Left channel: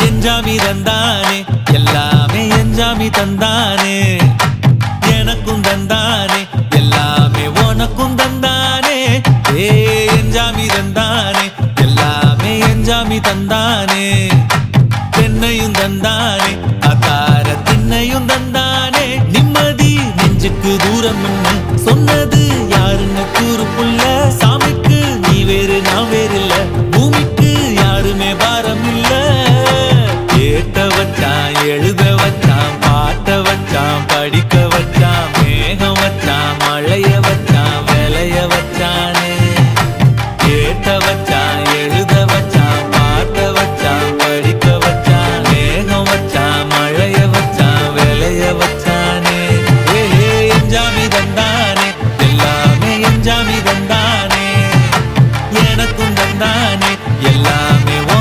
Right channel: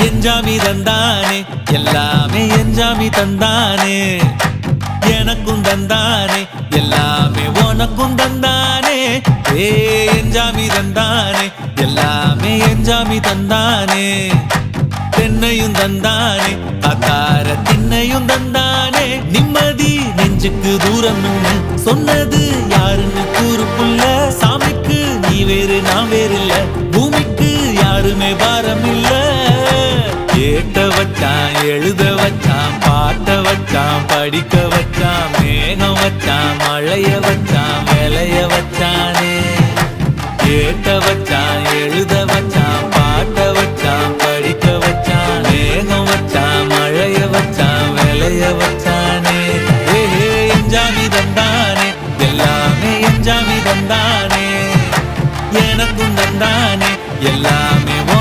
எஞ்சாமி தந்தானே எல்லாமே எஞ்சாமி தந்தானே எனக்கும் தந்தானே எல்லாமே உனக்கும் தந்தானே ஏ எஞ்சாமி தந்தானே எல்லாமே எஞ்சாமி தந்தானே தென்னையும் தந்தானே அத்தார திண்ணையும் தந்தானே நிம்மதி நெஞ்சுக்கு தூரம் சொன்னது யாருன்னு கூறு புள்ள சாமிக்கு நீ வேறு நான் வேறு இல்ல பூமிக்கு யாருமே பாரம் இல்ல ஏத்த வச்சான் எழுத வச்சான் பாட்ட வச்சான் படிக்க வச்சான் மேகம் வச்சான் மழைய வச்சான் விளைய வச்சானே ஏத்த வச்சான் எழுத வச்சான் பாட்ட வச்சான் படிக்க வச்சான் மேகம் வச்சான் மழைய வச்சான் விளைய வச்சானே ஏஹே எஞ்சாமி தந்தானே எல்லாமே எஞ்சாமி தந்தானே எனக்கும் தந்தானே எல்லாமே